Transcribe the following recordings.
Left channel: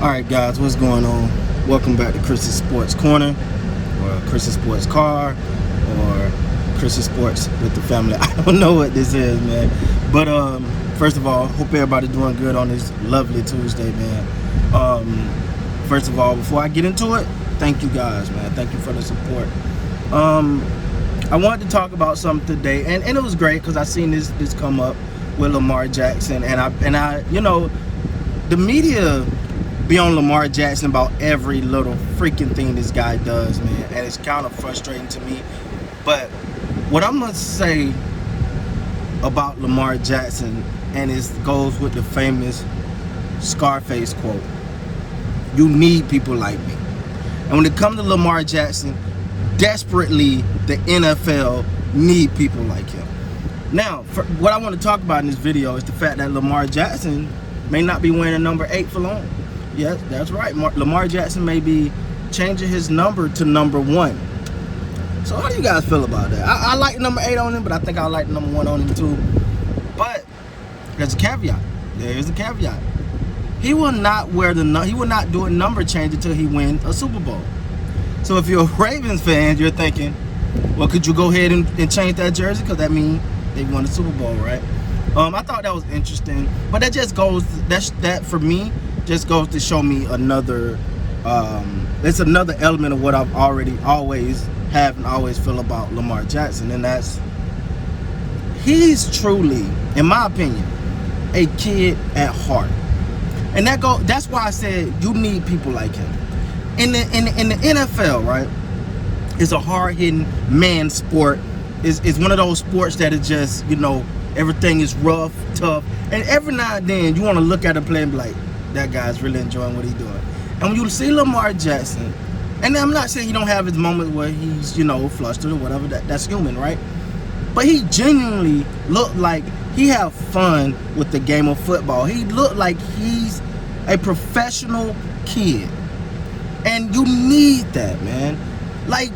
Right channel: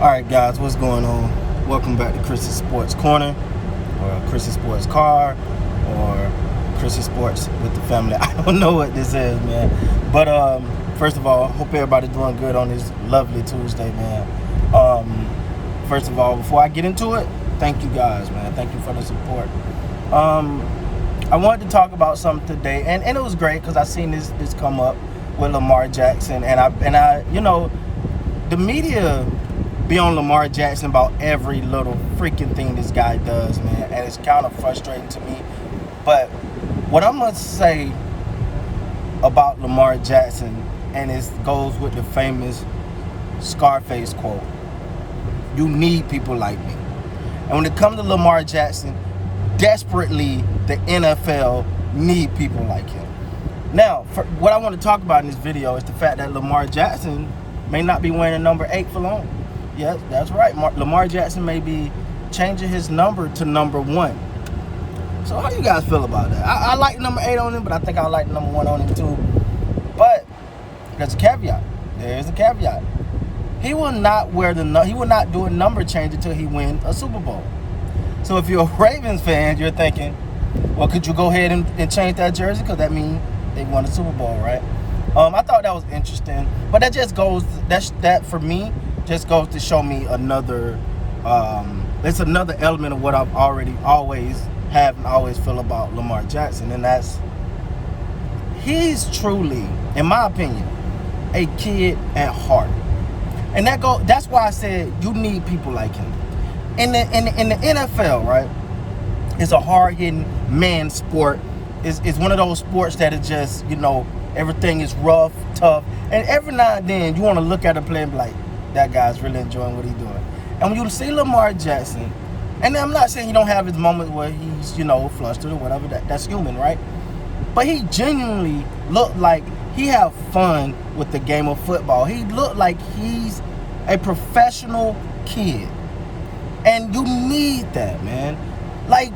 Alright guys, what's going on? Welcome back to Critize Sports Corner, or Critize Sports Car, or Critize Sports with the family. I don't know what this is, man. But first of all, hope everybody doing good on this lovely Tuesday, man. First of all, before I get into it, thank you guys, man. Thank you for the support. I wanted to talk about something today, and it was great because I seen this come up with Lamar Jackson, and I you know, the media be on Lamar Jackson about every little freaking thing this guy does, man, and it's kind of frustrating to me. But what I'm gonna say about Lamar Jackson, and it goes with the famous Scarface quote: "You need people like me." And when it comes to Lamar Jackson, desperately the NFL need people like him. Now, what I want to talk about in this video is the fact that Lamar Jackson may not be wearing number 8 for long. Yes, that's right. Lamar Jackson may be changing his number to number 1. So how do you guys feel about that? I like number 8 on him, but I think I like number 1 on him too. But there's a caveat. There's a caveat. He will not do a number change until he wins a Super Bowl. So if you're a Ravens fan, you're thinking, well, could you go ahead and change that jersey? Because that means they won a Super Bowl, right? I thought that was interesting, but that just goes, that for me, just goes to show me another, it's another element of what I've always feel about Lamar Jackson, and that's, he's truly, in my opinion, a kid at heart. And that's why I said you need people like him. In the NFL, right, it's a hard-hitting man sport. It's one of those sports that is just, you know, everything is rough, tough, and every now and then you want to look at a play and be like, that guy's really enjoying what he's doing. And when you see Lamar Jackson, and I'm not saying he don't have his moments where he's, you know, flustered or whatever, that's human, right? But he genuinely looked like he have fun with the game of football. He looked like he's a professional kid. And you need that, man. Like,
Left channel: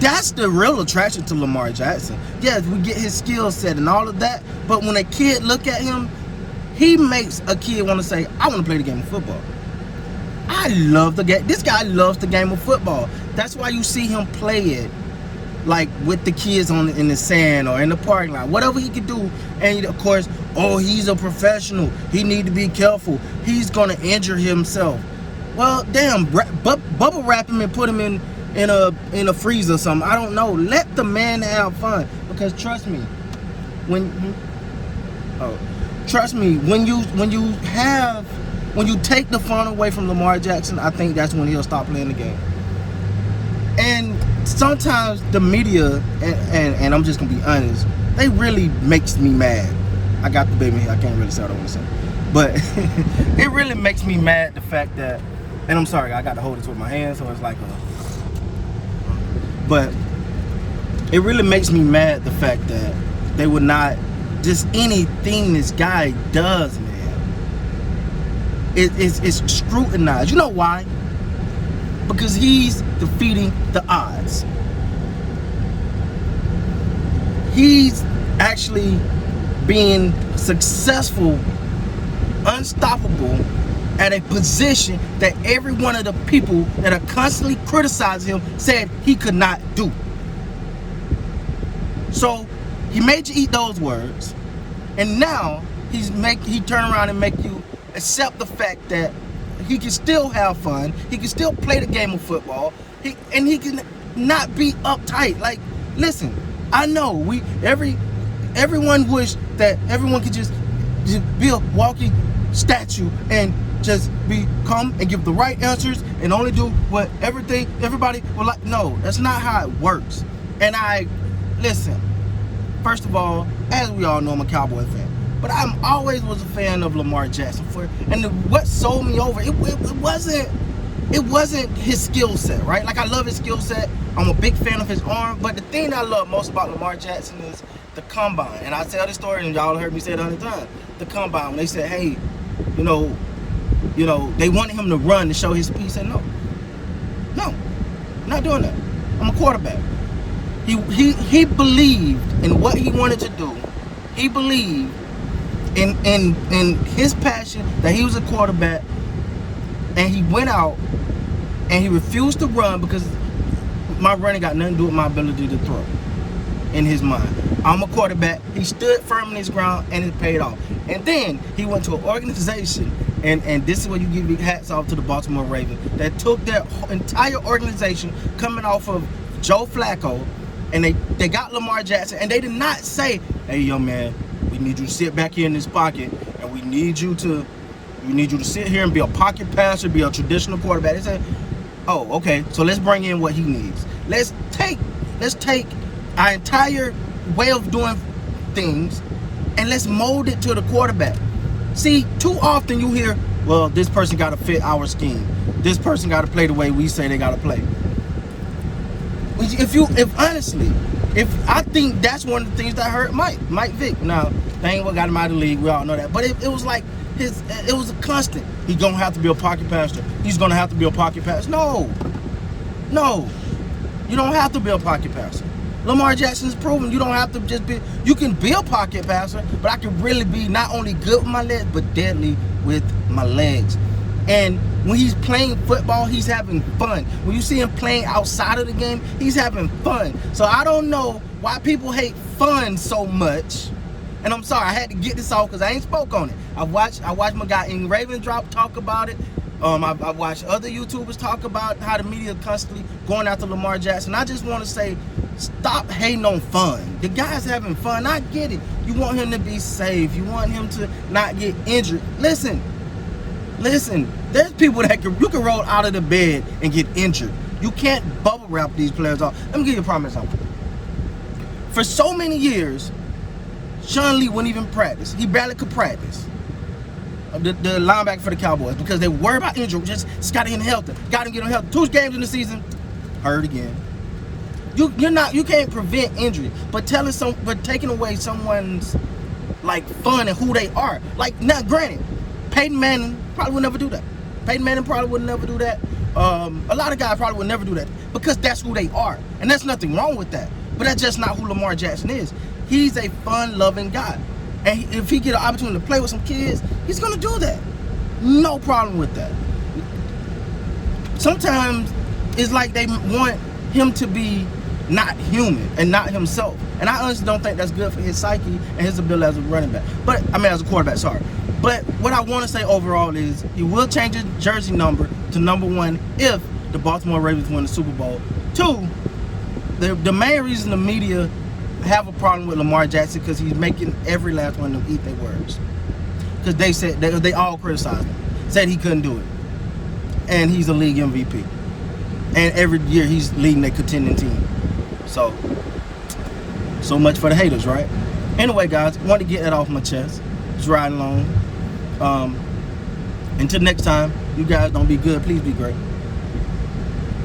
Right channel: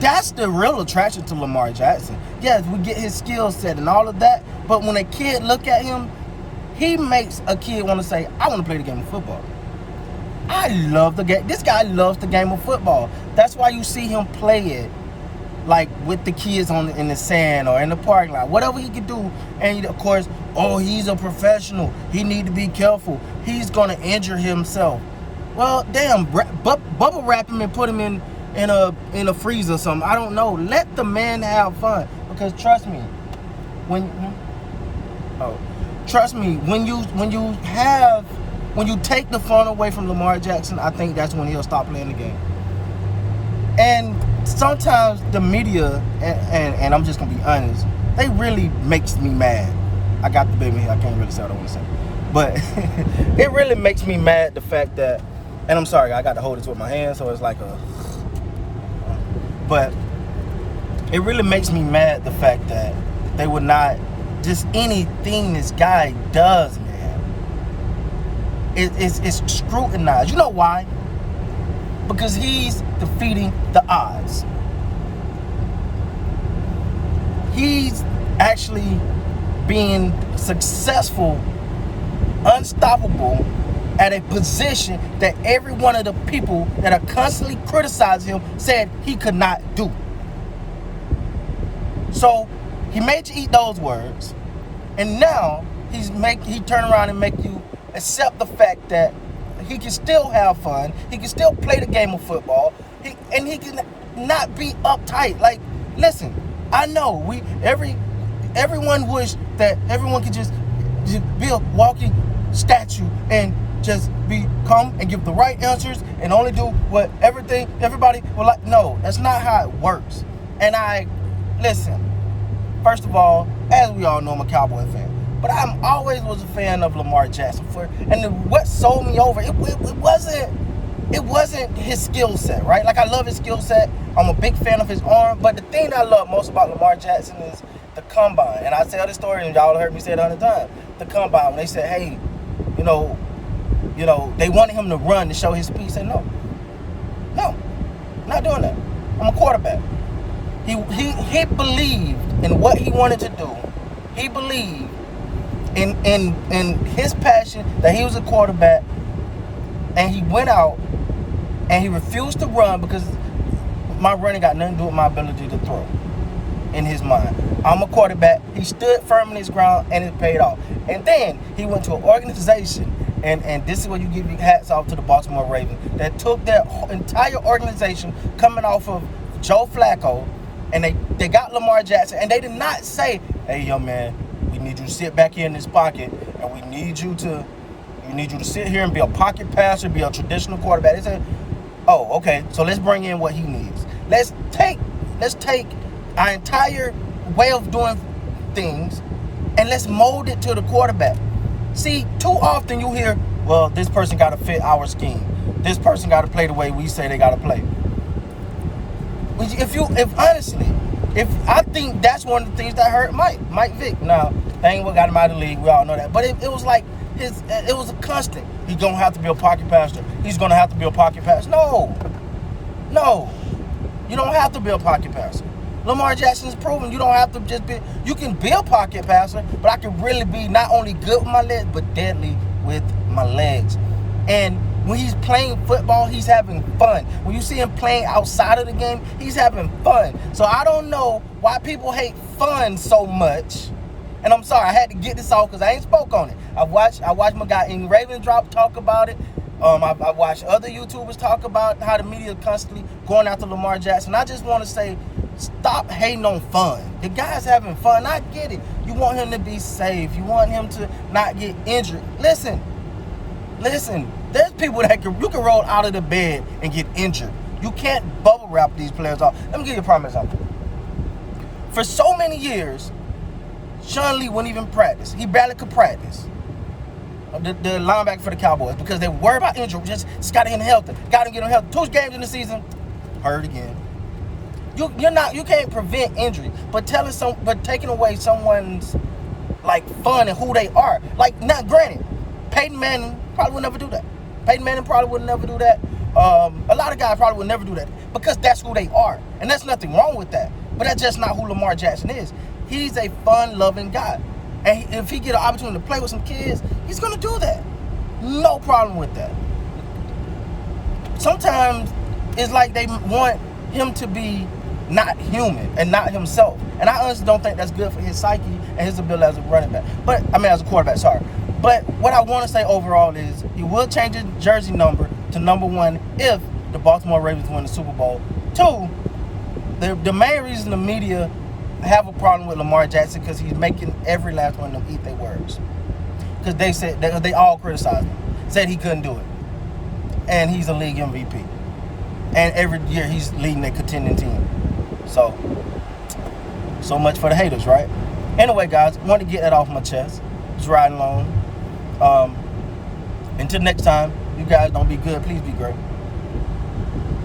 that's the real attraction to Lamar Jackson. Yes, we get his skill set and all of that, but when a kid look at him, he makes a kid want to say, I want to play the game of football. I love the game. This guy loves the game of football. That's why you see him play it, like with the kids in the sand or in the parking lot, whatever he can do. And of course, oh, he's a professional. He need to be careful. He's gonna injure himself. Well, damn, bubble wrap him and put him in a freezer or something. I don't know. Let the man have fun, because trust me, when you take the fun away from Lamar Jackson, I think that's when he'll stop playing the game. And sometimes the media, and I'm just gonna be honest, they really makes me mad. I got the baby, I can't really say what I want to say, but it really makes me mad, the fact that, and I'm sorry, I got to hold this with my hand, so it's like but it really makes me mad, the fact that they would not, just anything this guy does, man, it's scrutinized. You know why? Because he's defeating the odds. He's actually being successful, unstoppable, at a position that every one of the people that are constantly criticizing him said he could not do. So he made you eat those words, and now he turn around and make you accept the fact that he can still have fun, he can still play the game of football, and he can not be uptight. Like, listen, I know everyone wish that everyone could just be a walking statue and just come and give the right answers and only do what everybody will like. No, that's not how it works. And listen, first of all, as we all know, I'm a Cowboy fan, but I'm always was a fan of Lamar Jackson. And what sold me over, it wasn't his skill set, right? Like, I love his skill set. I'm a big fan of his arm, but the thing that I love most about Lamar Jackson is the combine. And I tell this story, and y'all heard me say it 100 times. The combine, when they said, hey, you know, they wanted him to run to show his speed. He said, no, I'm not doing that. I'm a quarterback. He believed in what he wanted to do. He believed in his passion that he was a quarterback, And he went out and he refused to run because my running got nothing to do with my ability to throw. In his mind, I'm a quarterback. He stood firm in his ground and it paid off. And then he went to an organization, and this is where you give your hats off to the Baltimore Ravens, that took their entire organization coming off of Joe Flacco, and they got Lamar Jackson, and they did not say, hey, young man, we need you to sit back here in this pocket, and we need you to sit here and be a pocket passer, be a traditional quarterback. They said, oh, okay, so let's bring in what he needs. Let's take our entire way of doing things and let's mold it to the quarterback. See, too often you hear, well, this person got to fit our scheme. This person got to play the way we say they got to play. If I think that's one of the things that hurt Mike Vick. Now, that ain't what got him out of the league. We all know that. But it was like, it was a constant. He's going to have to be a pocket passer. He's going to have to be a pocket passer. No. You don't have to be a pocket passer. Lamar Jackson's proven you don't have to just be, you can be a pocket passer, but I can really be not only good with my legs, but deadly with my legs. And when he's playing football, he's having fun. When you see him playing outside of the game, he's having fun. So I don't know why people hate fun so much. And I'm sorry, I had to get this off because I ain't spoke on it. I watched my guy in Ravens Drop talk about it. I watched other YouTubers talk about how the media constantly going after Lamar Jackson. I just want to say, stop hating on fun. The guy's having fun. I get it. You want him to be safe. You want him to not get injured. Listen. There's people that you can roll out of the bed and get injured. You can't bubble wrap these players off. Let me give you a prime example. For so many years, Sean Lee wouldn't even practice. He barely could practice. The linebacker for the Cowboys, because they worry about injury. Just got to get him healthy. Got to get him healthy. 2 games in the season, hurt again. You can't prevent injury, but taking away someone's like fun and who they are. Like, now granted, Peyton Manning probably would never do that. Peyton Manning probably would never do that. A lot of guys probably would never do that because that's who they are, and there's nothing wrong with that. But that's just not who Lamar Jackson is. He's a fun-loving guy, and if he get an opportunity to play with some kids, he's gonna do that. No problem with that. Sometimes it's like they want him to be not human and not himself. And I honestly don't think that's good for his psyche and his ability as a running back. As a quarterback, sorry. But what I want to say overall is he will change his jersey number to number 1 if the Baltimore Ravens win the Super Bowl. 2, the main reason the media have a problem with Lamar Jackson because he's making every last one of them eat their words. Because they said they all criticized him, said he couldn't do it. And he's a league MVP. And every year he's leading a contending team. So much for the haters, right? Anyway, guys, I want to get that off my chest. Just riding along. Until next time, you guys don't be good. Please be great.